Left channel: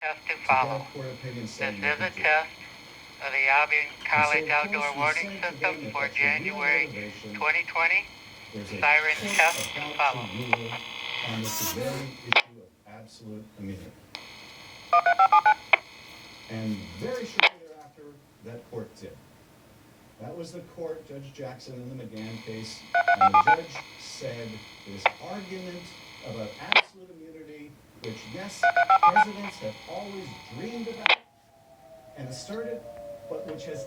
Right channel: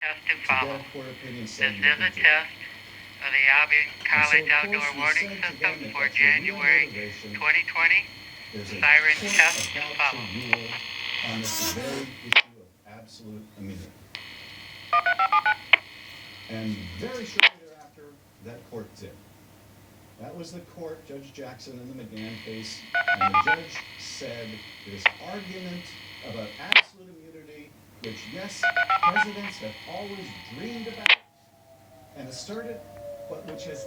Test to follow. This is a test of the Albion College Outdoor Warning System for January 2020. Siren test to follow. On this very issue of absolute immunity. And very shortly thereafter, that court did. That was the court, Judge Jackson in the McGann case, and the judge said this argument about absolute immunity, which, yes, presidents have always dreamed about and asserted, but which has